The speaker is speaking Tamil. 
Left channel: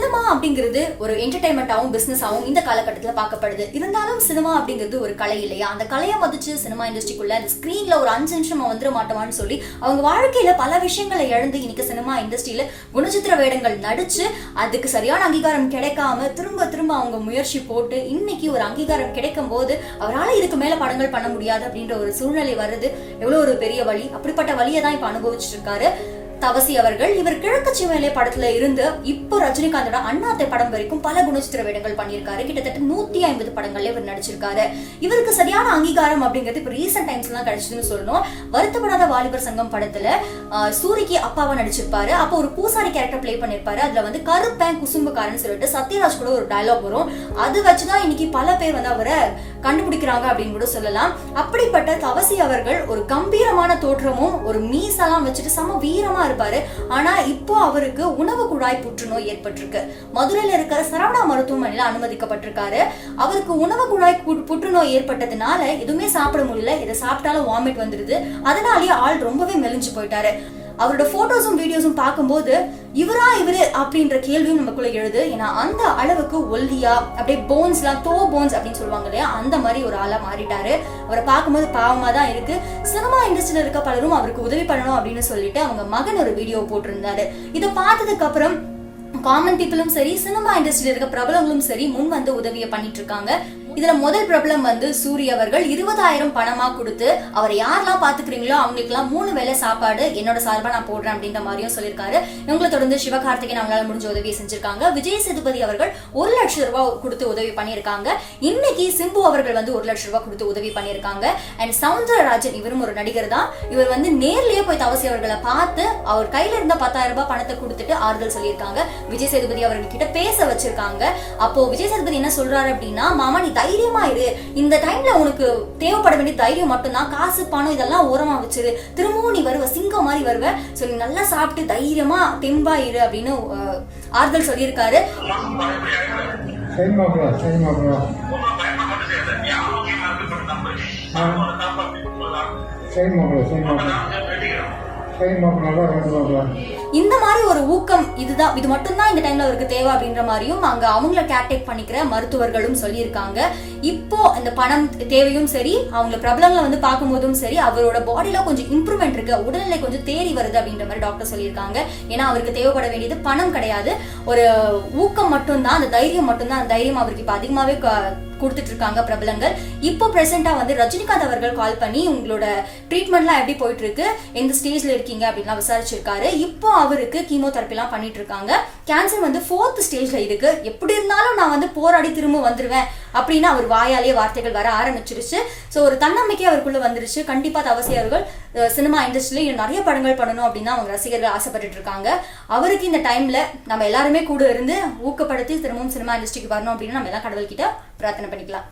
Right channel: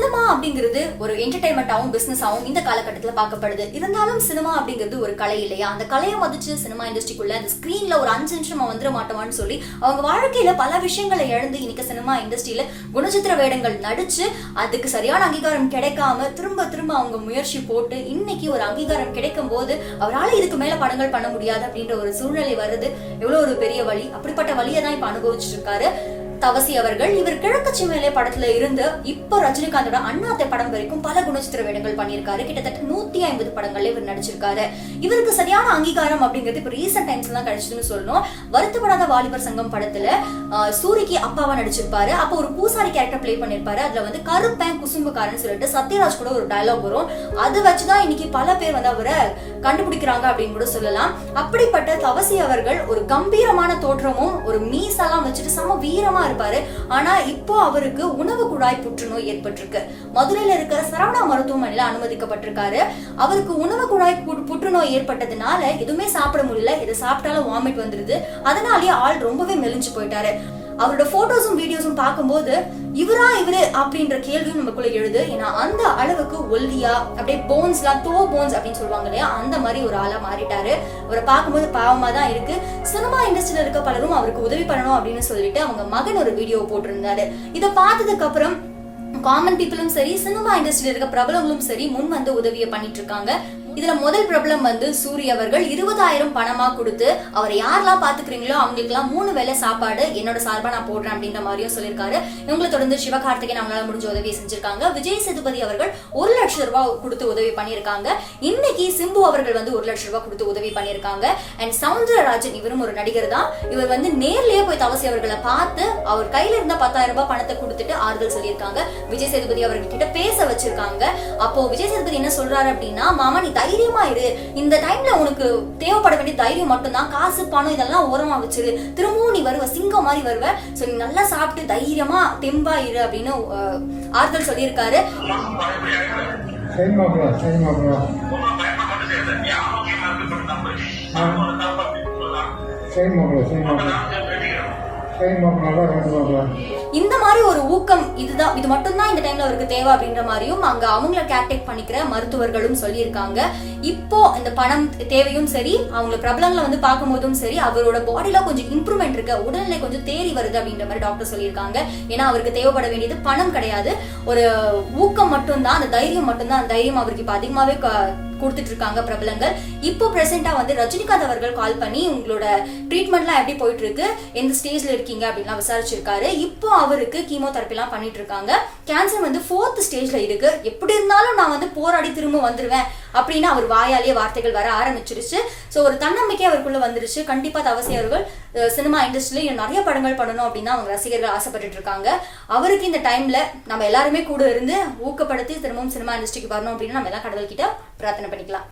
சினிமா அப்படிங்கிறது ஒரு என்டர்டைன்மெண்ட்டாகவும் பிஸ்னஸாகவும் இந்த காலகட்டத்தில் பார்க்கப்படுது. இருந்தாலும் சினிமா அப்படிங்கிறது ஒரு கலை இல்லையா? அந்த கலையை மதிச்சு சினிமா இண்டஸ்ட்ரிக்குள்ள அந்த ஸ்க்ரீனில் ஒரு அஞ்சு நிமிஷம் வந்துட மாட்டோமான்னு சொல்லி அவங்க வாழ்க்கையில் பல விஷயங்களை இழந்து இன்னைக்கு சினிமா இண்டஸ்ட்ரியில குணச்சித்திர வேடங்கள் நடிச்சு அதுக்கு சரியான அங்கீகாரம் கிடைக்காம திரும்ப திரும்ப அவங்க முயற்சி போட்டு இன்னைக்கு ஒரு அங்கீகாரம் கிடைக்கும் போது அவரால் இதுக்கு மேலே படங்கள் பண்ண முடியாது அப்படின்ற ஒரு சூழ்நிலை வருது. எவ்வளோ ஒரு பெரிய வழி. அப்படிப்பட்ட வழியை தான் இப்போ அனுபவிச்சுட்டு இருக்காரு. தவசி அவர்கள் இவர் கிழக்கு சிவநிலை படத்துல இருந்து இப்போ ரஜினிகாந்தோட அண்ணாத்தை படம் வரைக்கும் பல குணச்சித்திர வேடங்கள் பண்ணியிருக்காரு. கிட்டத்தட்ட நூத்தி ஐம்பது படங்கள்ல இவர் நடிச்சிருக்காரு. இவருக்கு சரியான அங்கீகாரம் அப்படிங்கிறது இப்போ ரீசெண்ட் டைம்ஸ் எல்லாம் கிடைச்சதுன்னு சொல்லணும். வருத்தப்படாத வாலிபர் சங்கம் படத்துல சூரிக்கு அப்பாவா நடிச்சிருப்பாரு. அப்போ ஒரு பூசாரி கேரக்டர் ப்ளே பண்ணிருப்பாரு. அதுல வந்து கருப்பேன் குசும்புக்காரன்னு சொல்லிட்டு சத்யராஜ் கூட ஒரு டயலாக் வரும். அது வச்சுதான் இன்னைக்கு பல பேர் வந்து அவரை கண்டுபிடிக்கிறாங்க அப்படின்னு கூட சொல்லலாம். அப்படிப்பட்ட தவசி அவர்கள் ஒரு கம்பீரமான தோற்றமும் ஒரு மீசெல்லாம் வச்சுட்டு செம வீரமா இருப்பாரு ஆனா இப்போ அவருக்கு உணவு குழாய் புற்றுநோய் ஏற்பட்டிருக்கு. மதுரையில இருக்கிற சரவணா மருத்துவமனையில அனுமதிக்கப்பட்டிருக்காரு. அவருக்கு உணவு குழாய் புற்றுநோய் ஏற்பட்டதுனால எதுவுமே சாப்பிட முடியல. இதை சாப்பிட்டாலும் வாமிட் வந்துருது. அதனாலேயே ஆள் ரொம்பவே மெலிஞ்சு போயிட்டாரு. அவரோட போட்டோஸும் வீடியோஸும் பார்க்கும்போது இவரா இவரு? அப்படின்ற கேள்வியும் நமக்குள்ள எழுது. ஏன்னா அந்த அளவுக்கு ஒல்லியா அப்படியே போன்ஸ்லாம் தோ போன்ஸ் அப்படின்னு சொல்லுவாங்க இல்லையா? அந்த மாதிரி ஒரு ஆளா மாறிட்டாரு. அவரை பார்க்கும்போது பாவமா தான் இருக்கு சினிமா இண்டஸ்ட்ரியில இருக்க பலரும் அவருக்கு உதவி பண்ணணும் அப்படின்னு சொல்லிட்டு அவங்க மகன் ஒரு வீடியோ போட்டிருந்தாரு. இதை பார்த்ததுக்கு அப்புறம் காமன் பீப்புளும் சரி சினிமா இண்டஸ்ட்ரியில இருக்க பிரபலங்களும் சரி முன் வந்து உதவியை பண்ணிட்டு இருக்காங்க. இதுல முதல் பிரபலம் வந்து சூரிய அவர்கள் இருபதாயிரம் பணமா கொடுத்து அவர் யாரெல்லாம் பாத்துக்கிறீங்களோ அவங்களுக்குலாம் மூணு வேளை சாப்பாடு என்னோட சார்பா நான் போடுறேன் அப்படின்ற மாதிரியும் சொல்லியிருக்காரு. இவங்களை தொடர்ந்து சிவகார்த்திகேயன் அவங்களால முடிஞ்ச உதவியை செஞ்சிருக்காங்க. விஜய் சேதுபதி அவர்கள் ஒரு லட்சம் ரூபாய் கொடுத்து உதவி பண்ணியிருக்காங்க. இன்னைக்கு சிம்பு அவர்கள் வந்து ஒரு லட்சம் ரூபாய் கொடுத்து உதவி பண்ணியிருக்காங்க. அண்ட் சவுந்தரராஜன் இவரும் ஒரு நடிகர் தான். இவர் வந்து நேர்லயே போய் தவசி அவர்களை பார்த்து அவர் கையில இருந்த பத்தாயிரம் ரூபாய் பணத்தை கொடுத்துட்டு ஆறுதல் சொல்லியிருக்காங்க. விஜய் சேதுபதி அவர்கள் கிட்ட பேச வச்சிருக்காங்க. அப்போ விஜய் சேதுபதி என்ன சொல்றாரு அப்படின்னா மாமா நீ தைரியமா இரு. இந்த டைம்ல உனக்கு தேவைப்பட வேண்டிய தைரியம் மட்டும்தான். காசு பணம் இதெல்லாம் ஓரமா வச்சிரு. திரும்பவும் நீ வருவ சிங்கம் மாதிரி வருவ. சோ நீ நல்லா சாப்பிட்டு தைரியமா தெம்பா இரு அப்படின்னு ஆறுதல் சொல்லியிருக்காரு. சரி மாப்பிள இந்த மாதிரி ஒரு ஊக்கம் இதுதான். இது மட்டும்தான் இந்த டைம்ல அவருக்கு தேவை அப்படின்ற மாதிரியும் அங்க அவங்கள கேர்டேக் பண்ணிக்கிற மருத்துவர்களும் சொல்லியிருக்காங்க. இப்போ இந்த பணம் தேவையும் சரி அவங்கள பிரபலங்களை வந்து பார்க்கும்போதும் சரி அவரோட பாடியில கொஞ்சம் இம்ப்ரூவ்மெண்ட் இருக்கு. உடல்நிலை கொஞ்சம் தேறி வருது அப்படின்ற மாதிரி டாக்டர் சொல்லியிருக்காங்க. ஏன்னா அவருக்கு தேவைப்பட வேண்டியது பணம் கிடையாது. ஒரு ஊக்கம் மட்டும்தான் அந்த தைரியம் மட்டும்தான். அந்த தைரியம் அவருக்கு இப்போ அதிகமாவே க- கொடுத்துட்டு இருக்காங்க பிரபலங்கள். இப்போ பிரசென்டா வந்து ரஜினிகாந்த் அவர்கள் கால் பண்ணி உங்களோட ட்ரீட்மெண்ட்லாம் எப்படி போயிட்டு இருக்கு எந்த ஸ்டேஜ்ல இருக்கீங்க? அப்படின்லாம் விசாரிச்சிருக்காரு. இப்போ அவருக்கு கீமோ தெரப்பிலாம் பண்ணிட்டு இருக்காங்க கேன்சர் வந்து ஃபோர்த் ஸ்டேஜ்ல இருக்கு. எப்படி இருந்தாலும் நான் வந்து போராடி திரும்ப வந்துருவேன். அப்படின்னு அவர் வாயாலேயே வார்த்தைகள் வர ஆரம்பிச்சிருச்சு. ஸோ ஒரு தன்னம்பிக்கை அவருக்குள்ள வந்துருச்சு. கண்டிப்பா தவசி அவர்கள் சினிமா இண்டஸ்ட்ரியில இன்னும் நிறைய படங்கள் பண்ணணும் அப்படின்னு அவங்க ரசிகர்கள் ஆசைப்பட்டுட்டு இருக்காங்க. அவருக்கு இந்த டைம்ல நம்ம எல்லாருமே கூட இருந்து ஊக்கப்படுத்தி திரும்பவும் சினிமா இண்டஸ்ட்ரிக்கு வரணும் அப்படின்னு நம்ம எல்லாம் கடவுள்கிட்ட பிரார்த்தனை பண்ணிக்கலாம்.